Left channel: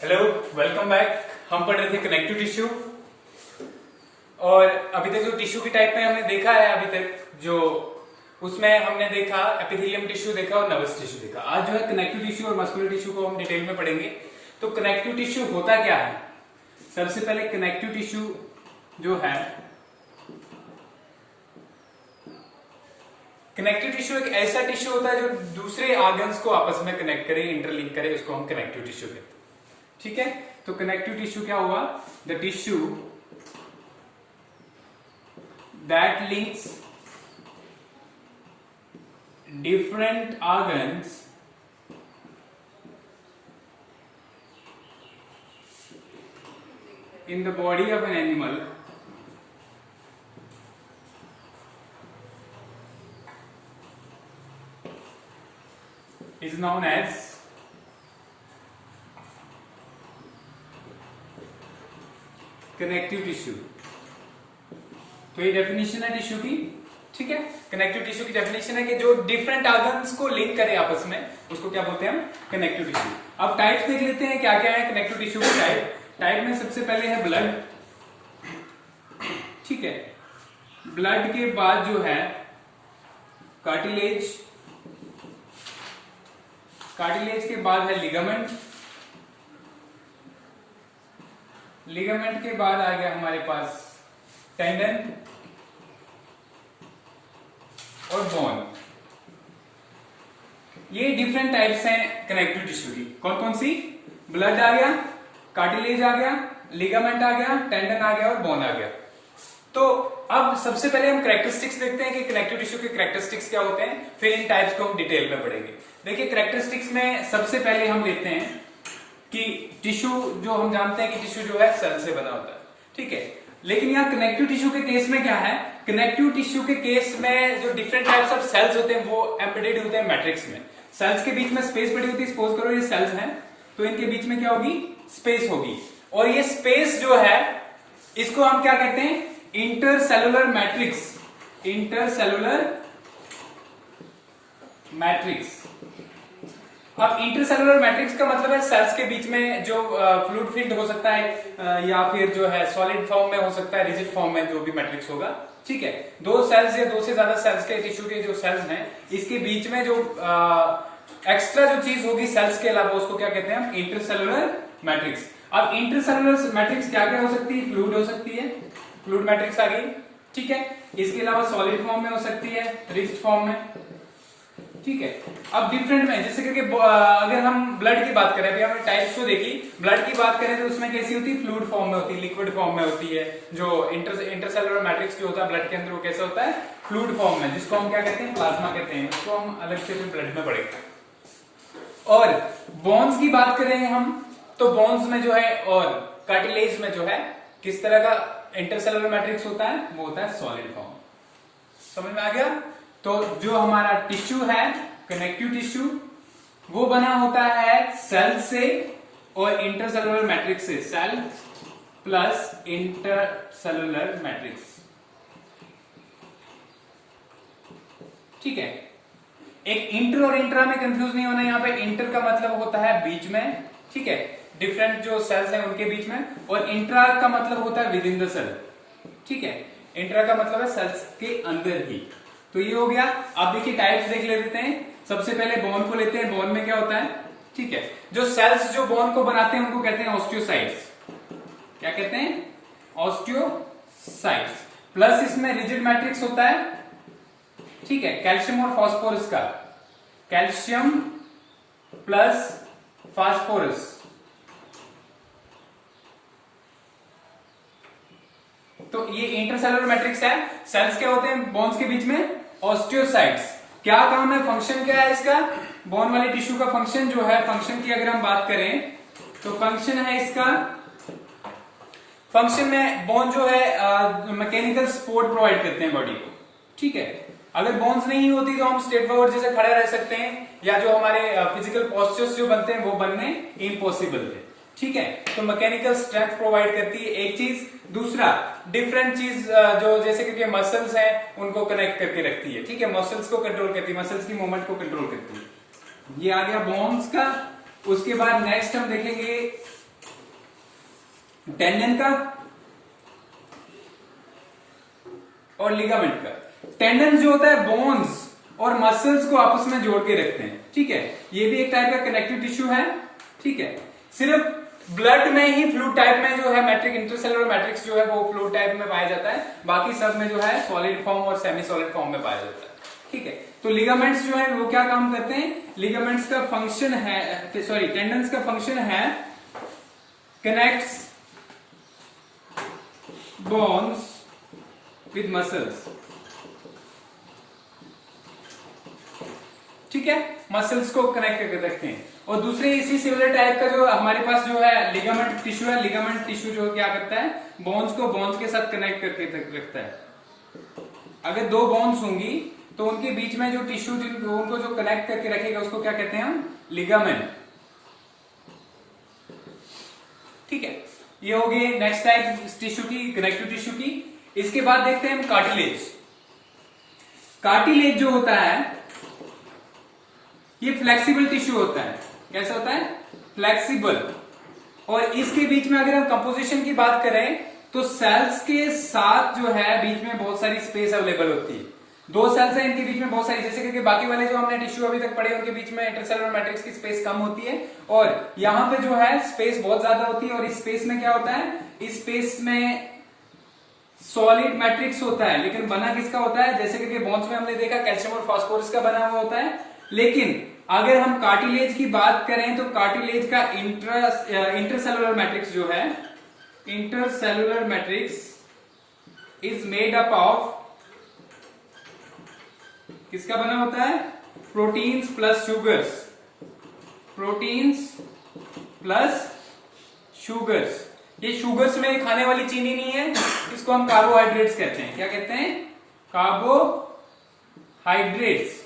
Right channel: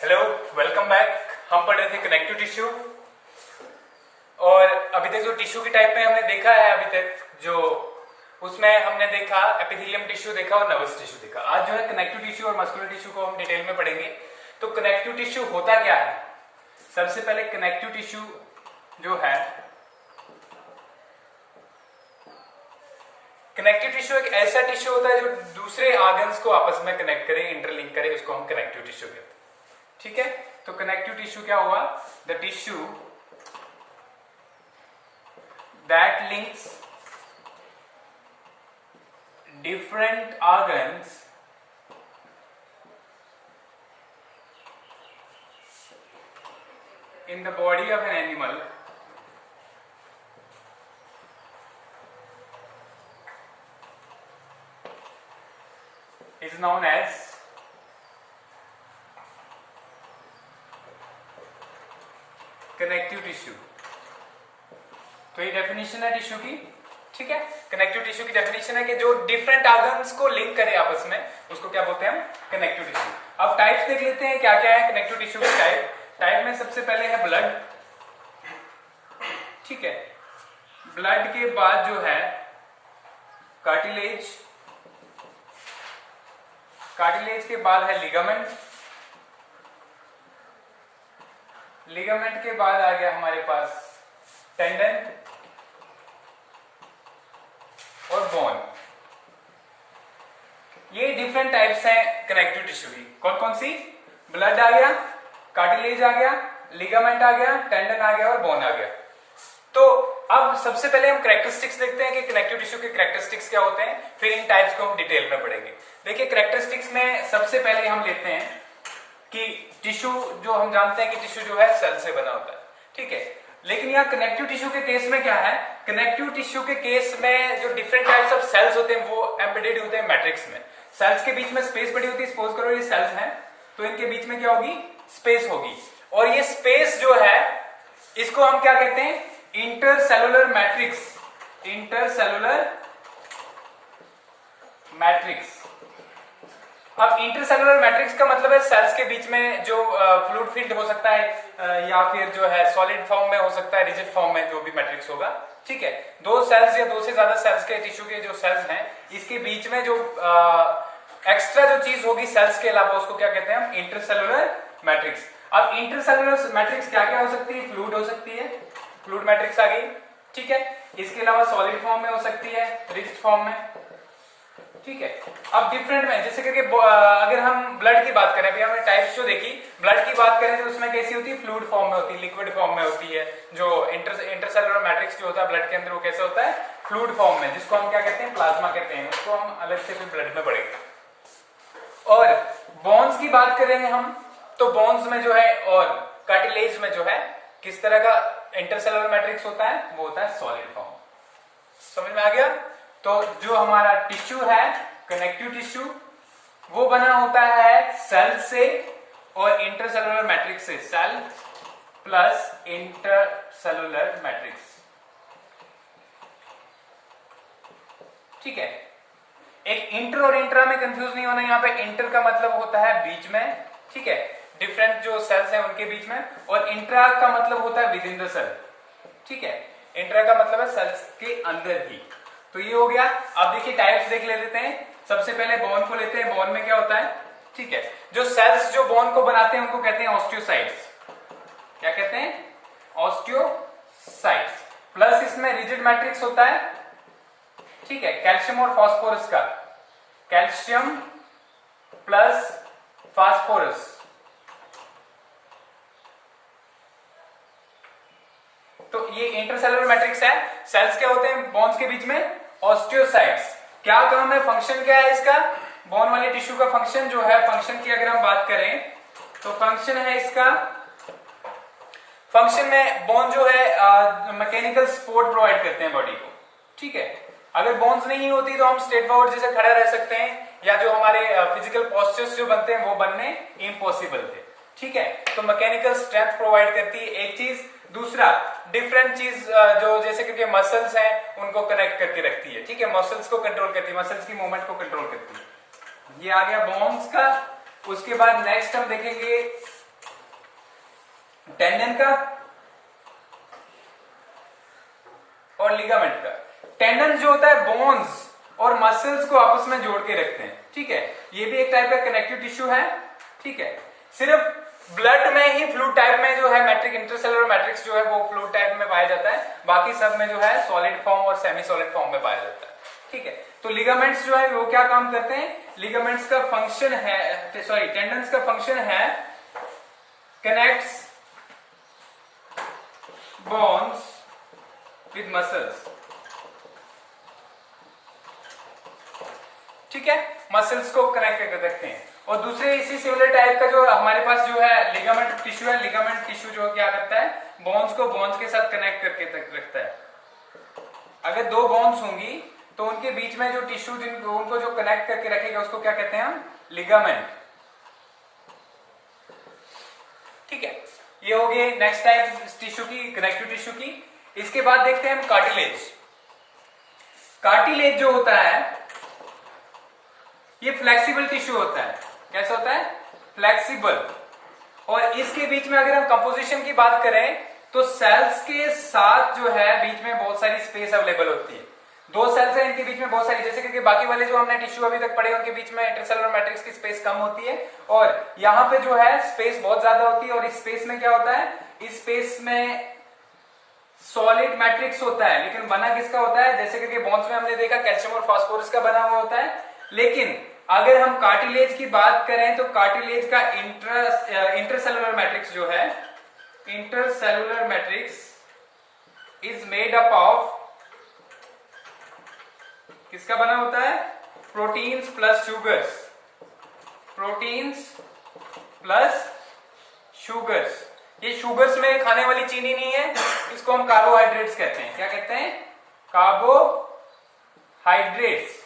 Hello, welcome back. हम पढ़ रहे थे कनेक्टिव टिश्यू और अभी तक जो टिश्यू की टाइप में हमने देखा है अभी तक जो उसमें हमने देखा एपिथेलियम टिश्यू देखा और नर्वस टिश्यू देखा। आज जो है कनेक्टिव टिश्यू और मस्कुलर टिश्यू को हम डिटेल में पढ़ेंगे। तो कनेक्टिव टिश्यू होता क्या है? सबसे पहले कनेक्टिव टिश्यू जो है, कनेक्टिव टिश्यू एक ऐसा टिश्यू होता है जो दूसरे ऑर्गन्स को आपस में कनेक्ट करे, इंटरलिंक करे, उसको हम कनेक्टिव टिश्यू कहते हैं। ठीक है, तो कनेक्टिव टिश्यू क्या हुआ? The tissue that links different organs in the body of an animal is known as connective tissue. तो ये डेफिनेशन है टिश्यू की। ठीक है, कनेक्टिव टिश्यू की डेफिनेशन है कि जो डिफरेंट ऑर्गन्स को लिंक करे आपस में, उसको क्या बोलते हैं हम? Connective tissue. अब टाइप्स देख लेते हैं क्या क्या है कनेक्टिव टिश्यू की टाइप में सबसे पहले है ब्लड। ठीक है, ब्लड के बाद जो है कार्टिलेज, कार्टिलेज के बाद है लिगामेंट, लिगामेंट के बाद आ गया हमारे पास टेंडन और बोन। ये डिफरेंट टाइप्स हैं कनेक्टिव टिश्यू की। कौन कौन सी? ब्लड आ गया, कार्टिलेज आ गया, लिगामेंट आ गया, टेंडन आ गया और बोन आ गया। तो अब सबसे पहले हम कैरेक्टरिस्टिक्स देखते हैं कि कनेक्टिव टिश्यू के कैरेक्टरिस्टिक्स क्या होते हैं, फिर इन टाइप्स को हम डिटेल में पढ़ेंगे। देखिए, कैरेक्टरिस्टिक्स में सबसे पहले हम लेते हैं कि टिश्यू जो हम जानते हैं कि टिश्यू जो है सेल से बना होता है। ठीक है, लेकिन यहाँ कनेक्टिव टिश्यू के केस में क्या है? कनेक्टिव टिश्यू के केस में जो डिफरेंट टाइप्स ऑफ सेल्स होते हैं वो एम्बेडेड होते हैं मैट्रिक्स में। सेल्स के बीच में स्पेस पड़ी होती है। सपोज करो ये सेल्स हैं, तो इनके बीच में क्या होगी? स्पेस होगी। और ये स्पेस जो है इसको हम क्या कहते हैं? Intercellular matrix. Intercellular matrix. अब इंटरसेलुलर मैट्रिक्स का मतलब है सेल्स के बीच में जो फ्लूइड फील्ड हो सकता है या फिर जो है सॉलिड फॉर्म में हो सकता है, रिजिड फॉर्म में जो भी मैट्रिक्स होगा। ठीक है, दो सेल्स या दो से ज्यादा सेल्स के टिश्यू के जो सेल्स हैं इसके बीच में जो एक्स्ट्रा जो चीज होगी सेल्स के अलावा उसको क्या कहते हैं हम? Intercellular matrix. अब इंटरसेलुलर मैट्रिक्स क्या क्या हो सकती है? फ्लूइड हो सकती है, फ्लूइड मैट्रिक्स आ गई। ठीक है, इसके अलावा सॉलिड फॉर्म में हो सकती है, रिजिड फॉर्म में। ठीक है, अब डिफरेंट में जैसे करके अगर हम ब्लड की बात करें, अभी हमने टाइप्स जो देखी, ब्लड की बात करें तो उसमें कैसी होती है? फ्लूइड फॉर्म में होती है, लिक्विड फॉर्म में होती है। जो इंटरसेलुलर मैट्रिक्स जो होता है ब्लड के अंदर वो कैसा होता है? फ्लूइड फॉर्म में, जिसको हम क्या कहते हैं? प्लाज्मा कहते हैं। उसको हम अलग से फिर ब्लड में पढ़ेंगे। और बोन्स की बात करें हम तो बोन्स में जो है और कार्टिलेज में जो है किस तरह का इंटरसेलुलर मैट्रिक्स होता है? वो होता है सॉलिड फॉर्म। समझ में आ गया? तो जो हमारा टिश्यू है कनेक्टिव टिश्यू वो बना होता है सेल से और इंटरसेलुलर मैट्रिक्स से। Cell plus intercellular matrix. ठीक है, एक इंटर और इंट्रा में कंफ्यूज नहीं होना। यहाँ पे इंटर का मतलब होता है बीच में, ठीक है, डिफरेंट जो सेल्स हैं उनके बीच में, और इंट्रा का मतलब होता है विद इन द सेल। ठीक है, इंट्रा का मतलब है सेल्स के अंदर ही। तो ये हो गया। अब देखिए टाइप्स देख लेते हैं। सबसे पहले बोन को लेते हैं। बोन में क्या होता है? ठीक है, जो सेल्स जो बोन को बनाते हैं उनको कहते हैं ऑस्टियोसाइट्स। क्या कहते हैं? ऑस्टियोसाइट्स। प्लस इसमें रिजिड मैट्रिक्स होता है। ठीक है, कैल्शियम और फास्फोरस का, कैल्शियम प्लस फास्फोरस। तो ये इंटरसेलुलर मैट्रिक्स है। सेल्स क्या होते हैं बोन्स के बीच में? ऑस्टियोसाइट्स। क्या काम है? फंक्शन क्या है इसका? बोन वाली टिश्यू का फंक्शन जो है, फंक्शन की अगर हम बात करें तो फंक्शन है इसका, फंक्शन में बोन जो है मैकेनिकल सपोर्ट प्रोवाइड करते हैं बॉडी को। ठीक है, अगर बोन्स नहीं होती तो हम स्ट्रेट फॉरवर्ड जैसे खड़े रह सकते हैं, या जो हमारे फिजिकल पोस्चर्स जो बनते हैं वो बनने इम्पॉसिबल थे। ठीक है, तो मैकेनिकल स्ट्रेंथ प्रोवाइड करती है एक चीज। दूसरा डिफरेंट चीज जो जैसे कि मसल्स हैं उनको कनेक्ट करके रखती है। ठीक है, मसल्स को कंट्रोल करती है, मसल्स की मूवमेंट को कंट्रोल करती है। ये आ गया बोन्स का। उसके बाद नेक्स्ट हम देखेंगे टेंडन का और लिगामेंट का। टेंडन जो होता है बोन्स और मसल्स को आपस में जोड़ के रखते हैं, ठीक है। ये भी एक टाइप का कनेक्टिव टिश्यू है, ठीक है। सिर्फ ब्लड में ही फ्लूइड टाइप में जो है मैट्रिक इंटरसेलुलर मैट्रिक्स जो है वो फ्लूइड टाइप में पाया जाता है, बाकी सब में जो है सॉलिड फॉर्म और सेमी सॉलिड फॉर्म में पाया जाता है, ठीक है। तो लिगामेंट्स जो है वो क्या काम करते हैं, लिगामेंट्स का फंक्शन है, सॉरी टेंडन्स का फंक्शन है कनेक्ट्स बोन्स विद मसल्स, ठीक है, मसल्स को कनेक्ट करके रखते हैं। और दूसरे इसी सिमिलर टाइप का जो हमारे पास जो है लिगामेंट टिश्यू है, लिगामेंट टिश्यू जो क्या करता है, बोन्स को बोन्स के साथ कनेक्ट करके रखता है। अगर दो बोन्स होंगी तो उनके बीच में जो टिश्यू जिनको उनको जो कनेक्ट करके रखेगा उसको क्या कहते हैं हम, लिगामेंट, ठीक है। ये हो गए नेक्स्ट टाइप टिश्यू की, कनेक्टिव टिश्यू की। इसके बाद देखते हैं हम कार्टिलेज। कार्टिलेज जो होता है ये फ्लेक्सिबल टिश्यू होता है। कैसा होता है, फ्लेक्सिबल। और इसके बीच में अगर हम कंपोजिशन की बात करें तो सेल्स के साथ जो है बीच में बहुत सारी स्पेस अवेलेबल होती है। दो सेल्स है, इनके बीच में बहुत सारी, जैसे कि बाकी वाले जो हमने टिश्यू अभी तक पढ़े उनके बीच में इंटरसेलुलर मैट्रिक्स की स्पेस कम होती है, और यहां पे जो है स्पेस बहुत ज्यादा होती है। और इस स्पेस में क्या होता है, इस स्पेस में सॉलिड मैट्रिक्स होता है, लेकिन बना किसका होता है, जैसे कि बोन्स में हमने देखा कैल्शियम और फास्फोरस का बना हुआ होता है। लेकिन अगर हम कार्टिलेज की बात करें तो कार्टिलेज का इंटरसेलुलर मैट्रिक्स जो है, intercellular matrix is made up of, किसका बना होता है, proteins plus sugars, proteins plus sugars. ये शुगर्स में खाने वाली चीनी नहीं है, इसको हम कार्बोहाइड्रेट्स कहते हैं। क्या कहते हैं, कार्बोहाइड्रेट्स,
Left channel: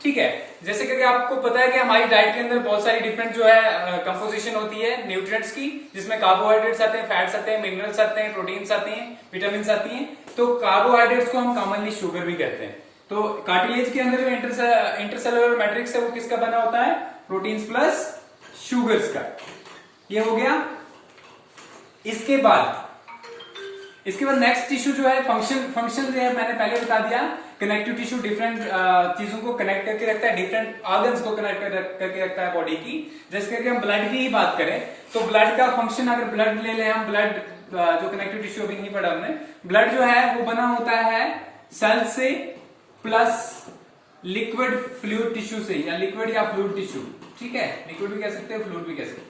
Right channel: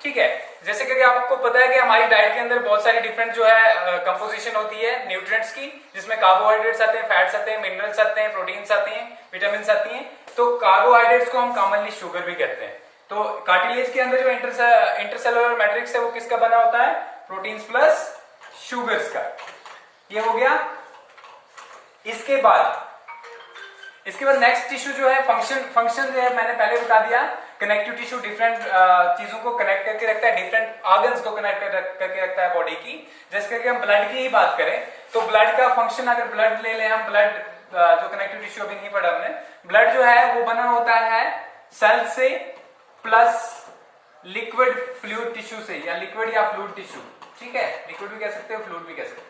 ठीक है। जैसे कि आपको पता है कि हमारी डाइट के अंदर बहुत सारी डिफरेंट जो है कंपोजिशन होती है न्यूट्रिएंट्स की, जिसमें कार्बोहाइड्रेट्स आते हैं, फैट्स आते हैं, मिनरल्स आते हैं, प्रोटीन्स आती हैं, विटामिन आती हैं। तो कार्बोहाइड्रेट्स को हम कॉमनली शुगर भी कहते हैं। तो कार्टिलेज के अंदर जो इंटरसेलुलर मैट्रिक्स है वो किसका बना होता है, प्रोटीन्स प्लस शुगर्स का। ये हो गया। इसके बाद नेक्स्ट टिश्यू जो है, फंक्शन जो है मैंने पहले बता दिया, कनेक्टिव टिश्यू डिफरेंट चीजों को कनेक्ट करके रखता है, डिफरेंट ऑर्गन्स को कनेक्ट करके रखता है बॉडी की। जैसे करके हम ब्लड की ही बात करें तो ब्लड का फंक्शन, अगर ब्लड ले लें हम, ब्लड जो कनेक्टिव टिश्यू अभी नहीं पढ़ा हमने, ब्लड जो है वो बना होता है सेल से प्लस लिक्विड फ्लूइड टिश्यू से, या लिक्विड या फ्लूइड टिश्यू, ठीक है, लिक्विड भी कह सकते हो, फ्लूइड भी कह सकते हो।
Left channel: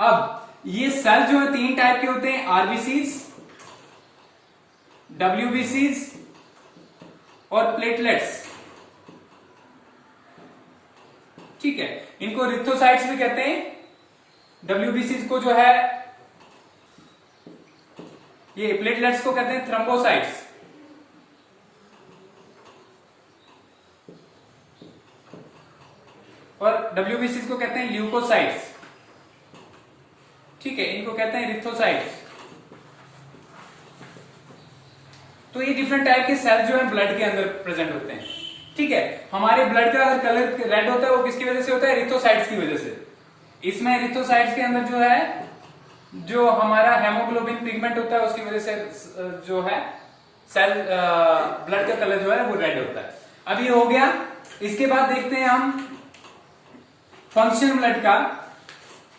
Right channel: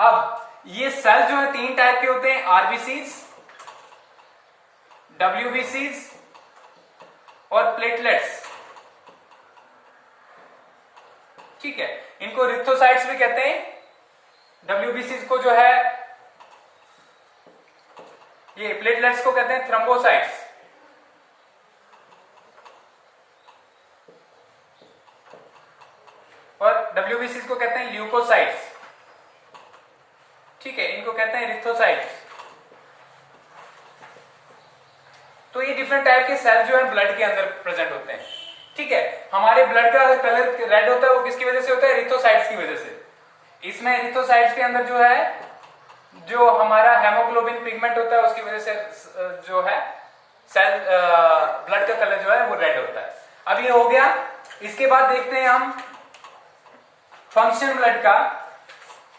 अब ये सेल जो है तीन टाइप के होते हैं, आरबीसीज, डब्ल्यूबीसीज और प्लेटलेट्स, ठीक है। इनको रिथोसाइट्स भी कहते हैं। डब्ल्यूबीसीज को जो है, ये प्लेटलेट्स को कहते हैं थ्रोम्बोसाइट्स, और डब्ल्यूबीसीज को कहते हैं ल्यूकोसाइट्स, ठीक है, इनको कहते हैं रिथोसाइट्स। तो ये डिफरेंट टाइप के सेल जो है ब्लड के अंदर प्रेजेंट होते हैं, ठीक है। हमारे ब्लड का अगर कलर रेड होता है वो किसकी वजह से होता है, रिथोसाइट्स की वजह से। इसमें रिथोसाइट्स के अंदर जो है, जो हमारा हेमोग्लोबिन पिगमेंट होता है उसकी वजह से जो है सेल ब्लड का कलर जो है वो रेड होता है। अब ये हो गया। इसके बाद देखते हैं हम फंक्शन ब्लड का,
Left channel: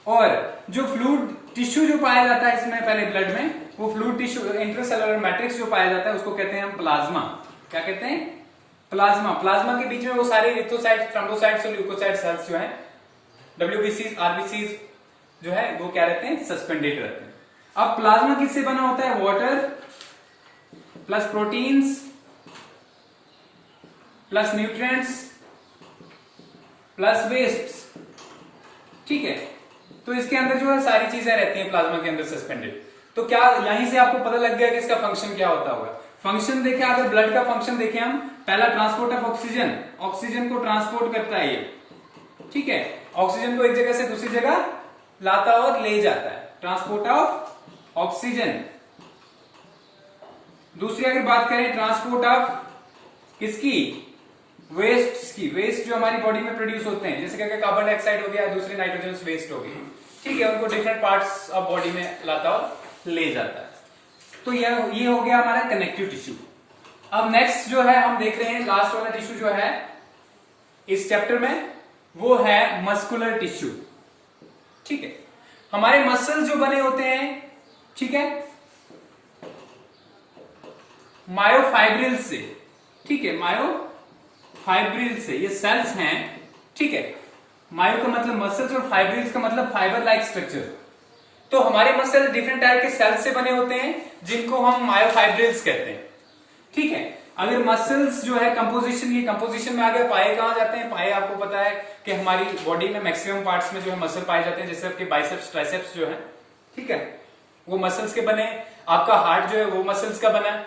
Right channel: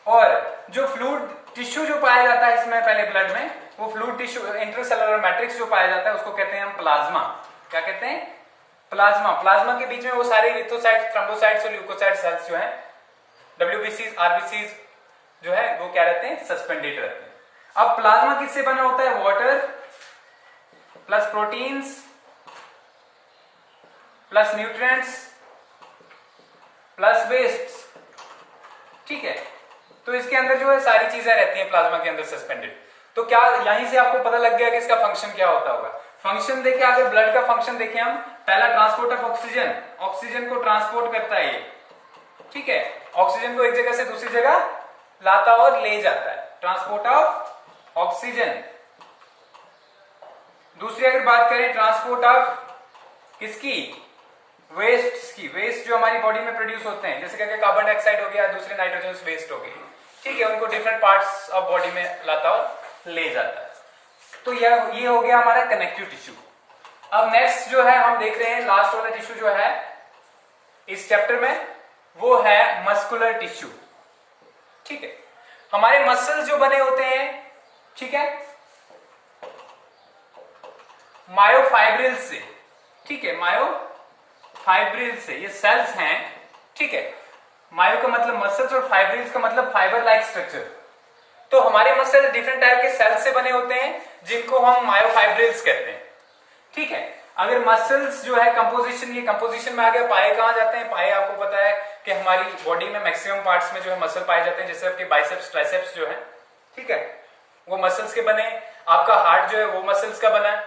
और जो फ्लूइड टिश्यू जो पाया जाता है इसमें पहले ब्लड में, वो फ्लूइड टिश्यू इंटरसेलुलर मैट्रिक्स जो पाया जाता है उसको कहते हैं हम प्लाज्मा। क्या कहते हैं, प्लाज्मा। प्लाज्मा के बीच में वो सारे रिथोसाइट्स, थ्रोम्बोसाइट्स और ल्यूकोसाइट सेल्स जो हैं, डब्ल्यूबीसीज, आरबीसीज जो है वो क्या रहते हैं, सस्पेंडेड रहते हैं। अब प्लाज्मा किससे बना होता है, water plus proteins plus nutrients plus waste, ठीक है। तो इसके अंदर जो है सारी चीजें रहती हैं प्लाज्मा के अंदर सस्पेंडेड। तो क्या यहीं से आपको पता लग गया कि इसका फंक्शन क्या होता होगा। फंक्शन देखें, अगर ब्लड का फंक्शन देखें हम, पहला ट्रांसपोर्ट ऑफ ऑक्सीजन, ऑक्सीजन को ट्रांसपोर्ट करता है ये, ठीक है, ऑक्सीजन को एक जगह से दूसरी जगह लाता और ले जाता है, ट्रांसपोर्ट ऑफ ऑक्सीजन। दूसरी अगर बात करें ट्रांसपोर्ट ऑफ किसकी, वेस्ट की, वेस्ट जो हमारी बॉडी में प्रोड्यूस होते हैं, जैसे कि कार्बन डाइऑक्साइड हो गया, दूसरे नाइट्रोजन वेस्ट हो गई, ठीक है, उनको डिफरेंट पार्ट्स ऑफ बॉडी में लाता और ले जाता है। तो ये हो गया हमारा कनेक्टिव टिश्यू। अब नेक्स्ट जो है हम देख रहे हैं, लास्ट वाला टिश्यू जो है इस चैप्टर में, वो है मस्कुलर टिश्यू। ठीक है, हमारे मसल्स जो बने होते हैं, ठीक है, मायोफाइब्रिल से। ठीक है, मायोफाइब्रिल से, ये सेल्स हैं। ठीक है, मायो का मतलब मसल्स और फाइब्रिल्स का मतलब फाइबर लाइक स्ट्रक्चर। तो हमारे मसल डिफरेंट टाइप के सेल्स से बने होते हैं जिनको हम मायोफाइब्रिल्स कहते हैं। ठीक है, अगर मसल्स जो है कंपोजिशन, ये कंपोजिशन में आ गया। पाए कहां जाते हैं? पाए आपको पता है कि हमारी बॉडी में मैक्सिमम पार्ट्स में जो है मसल पाए जाते हैं, जैसे आपके बाइसेप्स ट्राइसेप्स जो है, ठीक है, वो मसल्स के बने। आपका हार्ट जो है वो मसल्स का बना है।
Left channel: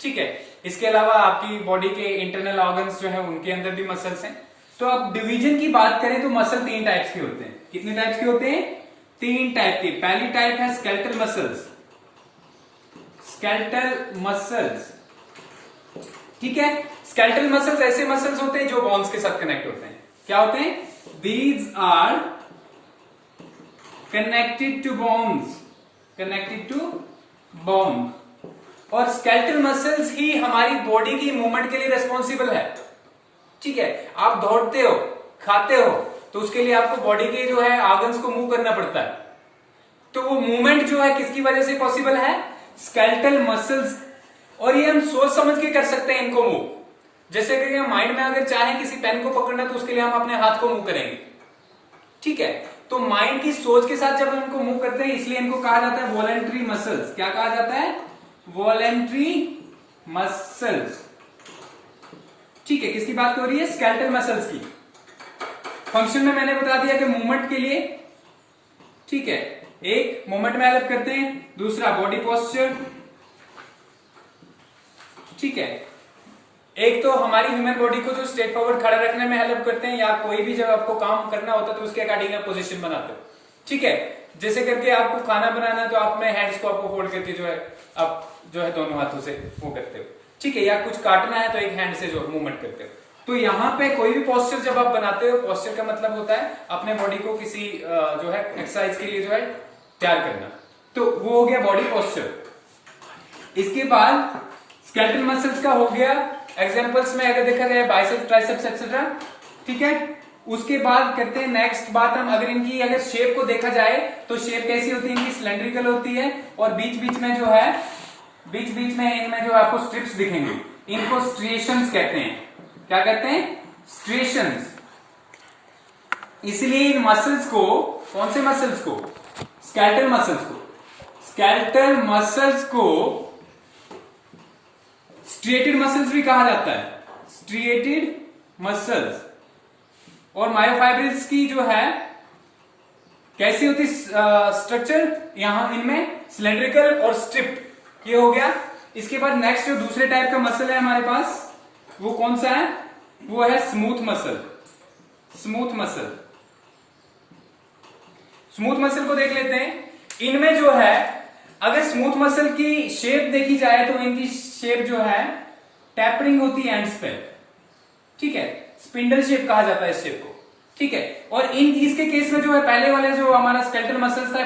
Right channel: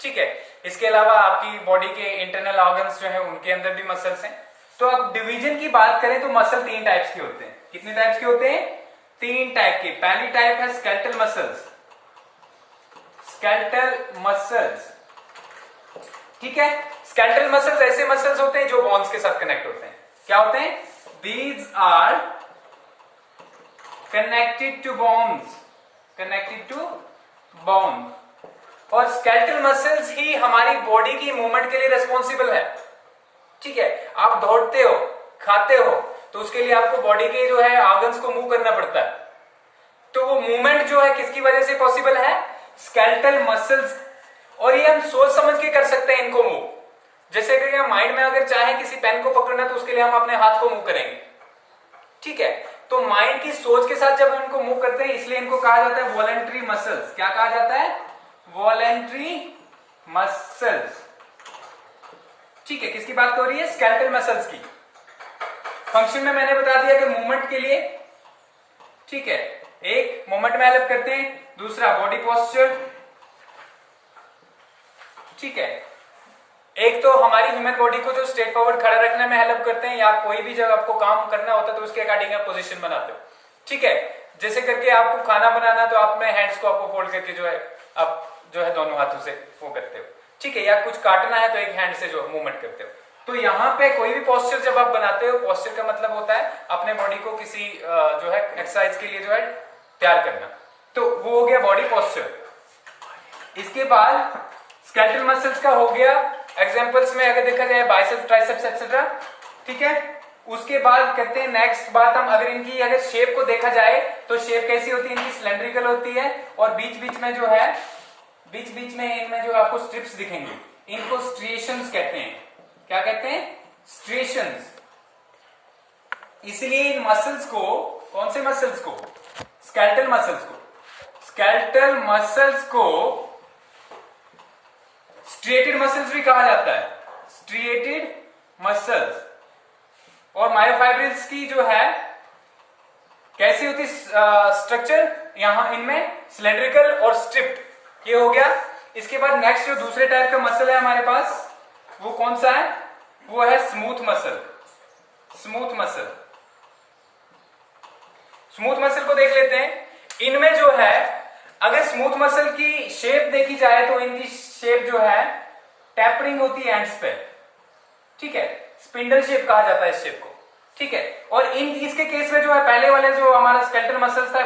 ठीक है, इसके अलावा आपकी बॉडी के इंटरनल ऑर्गन्स जो है उनके अंदर भी मसल्स हैं। तो अब डिवीजन की बात करें तो मसल 3 टाइप्स के होते हैं। कितने टाइप्स के होते हैं? 3 टाइप के। पहली टाइप है स्केलेटल मसल्स। स्केलेटल मसल्स, ठीक है, स्केलेटल मसल्स ऐसे मसल्स होते हैं जो बोन्स के साथ कनेक्ट होते हैं। क्या होते हैं? These are connected to bones, connected to bones. और स्केलेटल मसल्स ही हमारी बॉडी की मूवमेंट के लिए रिस्पॉन्सिबल है। ठीक है, आप दौड़ते हो, खाते हो, तो उसके लिए आपको बॉडी के जो है ऑर्गन्स को मूव करना पड़ता है। तो वो मूवमेंट जो है किसकी वजह से पॉसिबल है? Skeletal muscles. और ये हम सोच समझ के कर सकते हैं इनको मूव। जैसे कि हम माइंड में अगर चाहे किसी पेन को पकड़ना तो उसके लिए हम अपने हाथ को मूव करेंगे। ठीक है, तो माइंड की सोच के साथ जब हम इनको मूव करते हैं, इसलिए इनको कहा जाता है वॉलेंट्री मसल्स। क्या कहा जाता है? Voluntary muscles. ठीक है, किसकी बात हो रही है? स्केलेटल मसल्स की। फंक्शन में मैंने बता दिया कि मूवमेंट के लिए, ठीक है, एक मूवमेंट में हेल्प करते हैं, दूसरा बॉडी पोस्चर। ठीक है, एक तो हमारी ह्यूमन बॉडी को जो स्ट्रेट फॉरवर्ड खड़ा रखने में हेल्प करते हैं, या कोई भी जब आपको काम करना होता है तो उसके अकॉर्डिंग आप पोजीशन बनाते हो। ठीक है, जैसे करके आपको खाना बनाना तो आप में हैंड्स को आपको फोल्ड करके जो है आप जो है दोनों हाथों से वो करते हो। ठीक है, या कुछ काटना है तो एक हैंड से जो मूवमेंट करते हो। तो यहाँ पे कोई भी पोस्चर जब आप बनाते हो, पोस्चर का मतलब होता है अपने बॉडी को किसी जो है एक्सरसाइज के लिए जो है तैयार करना। तो वो हो गया बॉडी पोस्चर। इसके बाद स्केलेटल मसल्स का हो गया, एग्जांपल्स में अगर देखा जाए बाइसेप्स, ट्राइसेप्स एक्सेट्रा। ठीक है, उसके बाद करते हैं नेक्स्ट बात हम, अगर इनकी अगर शेप को देखा जाए तो शेप कैसी होती है? इनकी सिलेंड्रिकल होती है और बीच बीच में जो है, बीच बीच में इनमें जो आपको स्ट्रिप्स दिखेंगे, इनको स्ट्रिएशंस कहते हैं। क्या कहते हैं? स्ट्रिएशंस। इसलिए इन मसल्स को, कौन से मसल्स को? स्केलेटल मसल्स को, स्केलेटल मसल्स को स्ट्रिएटेड मसल्स भी कहा जाता है, स्ट्रिएटेड मसल्स। और मायोफाइब्रिल्स की जो है कैसी होती स्ट्रक्चर? यहां इनमें सिलेंड्रिकल और स्ट्रिप्ड। ये हो गया। इसके बाद नेक्स्ट जो दूसरे टाइप का मसल है हमारे पास, वो कौन सा है? वो है smooth muscle. Smooth muscle, smooth muscle को देख लेते हैं। इनमें जो है अगर स्मूथ मसल की शेप देखी जाए तो इनकी शेप जो है टैपरिंग होती है एंड्स पे। ठीक है, स्पिंडल शेप कहा जाता है इस शेप को। ठीक है, और इसके केस में जो है पहले वाले जो हमारा स्केलेटल मसल्स था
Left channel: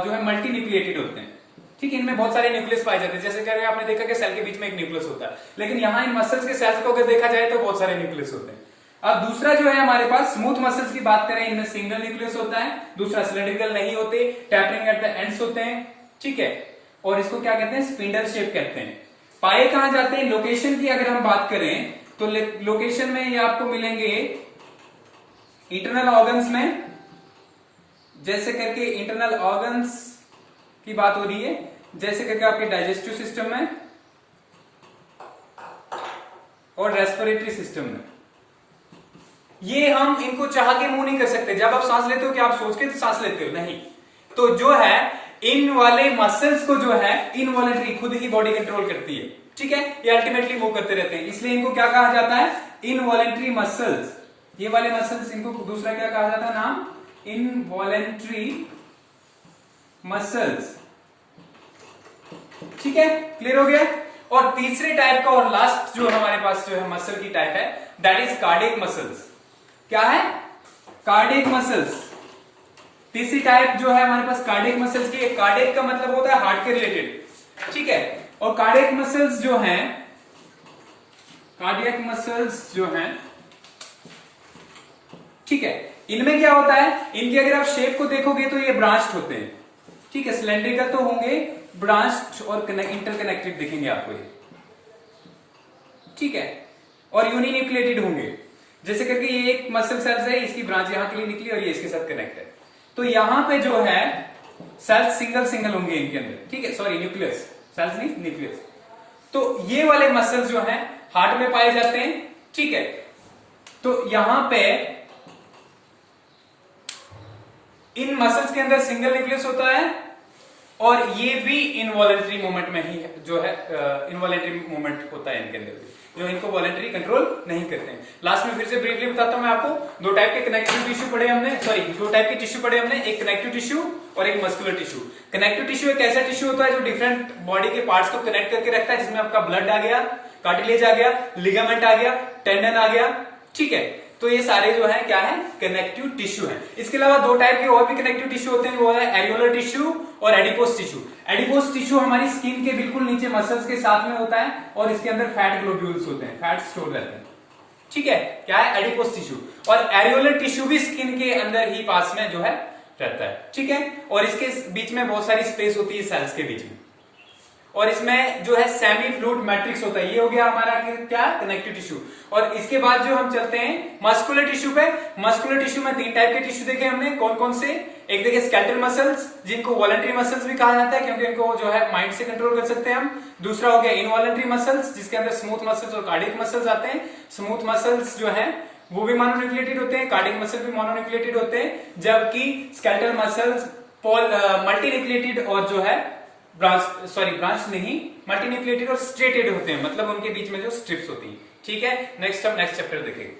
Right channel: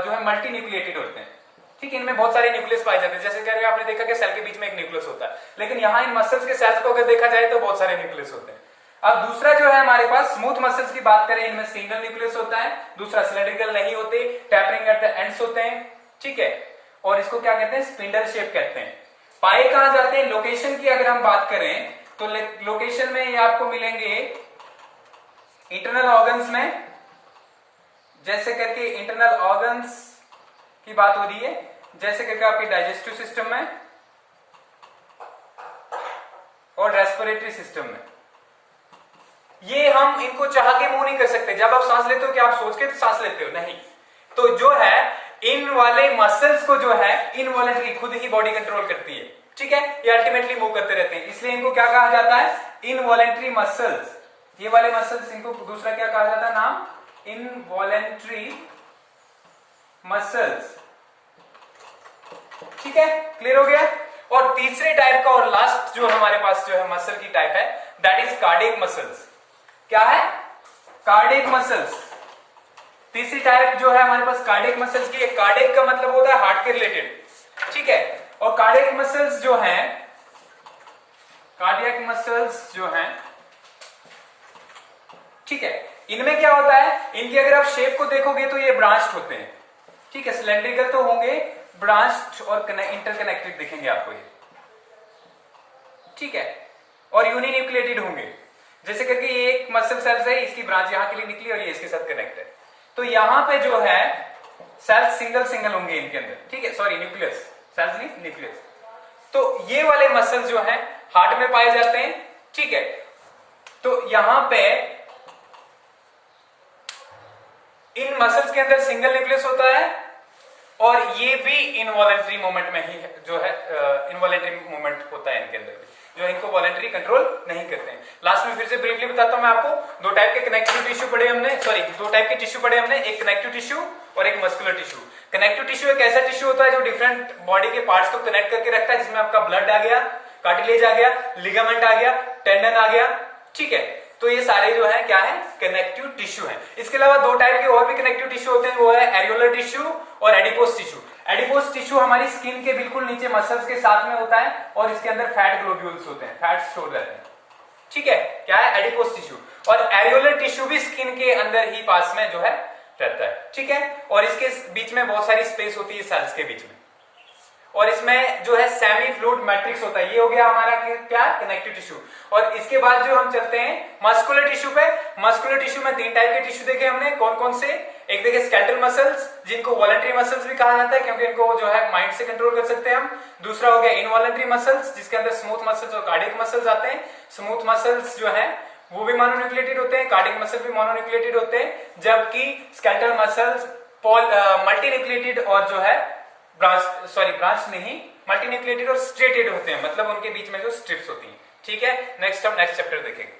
जो है मल्टी न्यूक्लिएटेड होते हैं। ठीक है, इनमें बहुत सारे न्यूक्लियस पाए जाते हैं। जैसे कि आपने देखा कि सेल के बीच में एक न्यूक्लियस होता है, लेकिन यहाँ इन मसल्स के सेल्स को अगर देखा जाए तो बहुत सारे न्यूक्लियस होते हैं। अब दूसरा जो है हमारे पास स्मूथ मसल्स की बात करें, इनमें सिंगल न्यूक्लियस होता है, दूसरा सिलेंड्रिकल नहीं होते, टैपरिंग एट द एंड्स होते हैं। ठीक है, और इसको क्या कहते हैं? स्पिंडल शेप कहते हैं। पाए कहां जाते हैं? लोकेशन की अगर हम बात करें तो लोकेशन में ये आपको मिलेंगे इंटरनल ऑर्गन्स में। जैसे करके इंटरनल ऑर्गन्स की बात हो रही है, जैसे करके आपके डाइजेस्टिव सिस्टम में और रेस्पिरेटरी सिस्टम में। ये हम इनको चाह के मूव नहीं कर सकते। जब आप सांस लेते हो क्या आप सोच के तो सांस लेते हो? नहीं। तो जो है इन वाले मसल्स को जो है इनवॉलेंटरी खुद ही बॉडी कंट्रोल करती है। ठीक है, ये अल्टीमेटली मूव करते रहते हैं, इसलिए इनको क्या कहा जाता है? Involuntary muscles. ये वाले मसल्स, इनको दूसरा क्या कहा जाता है नाम? Involuntary muscles. ठीक है, क्लियर हो गया। और तीसरे टाइप का और लास्ट जो हमारे पास जो है मसल की टाइप है, दैट इज कार्डियक मसल्स। क्या है? Cardiac muscles. तीसरी टाइप जो है हमारे पास कार्डियक मसल्स की है। कार्डियक का मतलब होता है हार्ट के रिलेटेड, ठीक है। और कार्डियक मसल्स जो हैं, कार्डियक मसल्स जो हैं, ठीक है, इनमें क्या होता है, इनकी अगर आप शेप को देखोगे तो ये ब्रांच्ड होते हैं, ठीक है। सिलेंड्रिकल तो होंगे, ब्रांच्ड और इंटरकनेक्टेड दिखेंगे आपको ये, ठीक है। और यूनिन्यूक्लिएटेड होंगे, जैसे करके ये एक मसल सेल्स है, इसकी ब्रांच यहां के लिए निकली और ये इसके साथ कनेक्ट है। तो यहां पे जो है सेल्स सिंगल सिंगल होंगे इनके अंदर, ठीक है, सॉरी न्यूक्लियस, सेल्स नहीं न्यूक्लियस। तो ये वाले मसल्स जो हैं हार्ट में पाए जाते हैं, ठीक है। तो यहां पे इन मसल्स के अंदर सिंगल न्यूक्लियस होता है और ये भी इनवॉलेंट्री मूवमेंट में ही जो है इनवॉलेंट्री मूवमेंट होता है इनके अंदर भी, जो इनको वॉलेंट्री कंट्रोल नहीं करते हैं। लास्ट में फिर से ब्रीफली बताता हूं मैं आपको, दो टाइप के कनेक्टिव टिश्यू पढ़े हमने, सॉरी दो टाइप के टिश्यू पढ़े हमने, एक कनेक्टिव टिश्यू और एक मस्कुलर टिश्यू। कनेक्टिव टिश्यू एक ऐसा टिश्यू होता है जो डिफरेंट बॉडी के पार्ट्स को कनेक्ट करके रखता है, जिसमें आपका ब्लड आ गया, कार्टिलेज आ गया, लिगामेंट आ गया, टेंडन आ गया, ठीक है। तो ये सारे जो है क्या है, कनेक्टिव टिश्यू है। इसके अलावा दो टाइप के और भी कनेक्टिव टिश्यू होते हैं, वो है एरियोलर टिश्यू और एडिपोस टिश्यू। एडिपोस टिश्यू हमारी स्किन के बिल्कुल नीचे मसल्स के साथ में होता है और इसके अंदर फैट ग्लोब्यूल्स होते हैं, फैट स्टोर रहते हैं, ठीक है, क्या है, एडिपोस टिश्यू। और एरियोलर टिश्यू भी स्किन के अंदर ही पास में जो है रहता है, ठीक है। और इसके बीच में बहुत सारी स्पेस होती है सेल्स के बीच में, और इसमें जो है सेमी फ्लूइड मैट्रिक्स होता है। ये हो गया हमारा क्या, कनेक्टिव टिश्यू। और इसके बाद जो हम चलते हैं मस्कुलर टिश्यू पे। मस्कुलर टिश्यू में तीन टाइप के टिश्यू देखे हमने, कौन कौन से, एक देखे स्केलेटल मसल्स, जिनको वॉलंटरी मसल्स भी कहा जाता है क्योंकि इनको जो है माइंड से कंट्रोल कर सकते हैं हम। दूसरा हो गया इनवॉलंटरी मसल्स, जिसके अंदर स्मूथ मसल्स और कार्डियक मसल्स आते हैं। स्मूथ मसल्स जो है वो भी मोनोन्यूक्लिएटेड होते हैं, कार्डियक मसल भी मोनोन्यूक्लिएटेड होते हैं, जबकि स्केलेटल मसल्स मल्टीन्यूक्लिएटेड और जो है ब्रांच नहीं, मल्टीन्यूक्लिएटेड और स्ट्रेटेड होते हैं, मतलब उनके बीच में जो स्ट्रिप्स होती हैं, ठीक है। नेक्स्ट हम नेक्स्ट चैप्टर देखेंगे।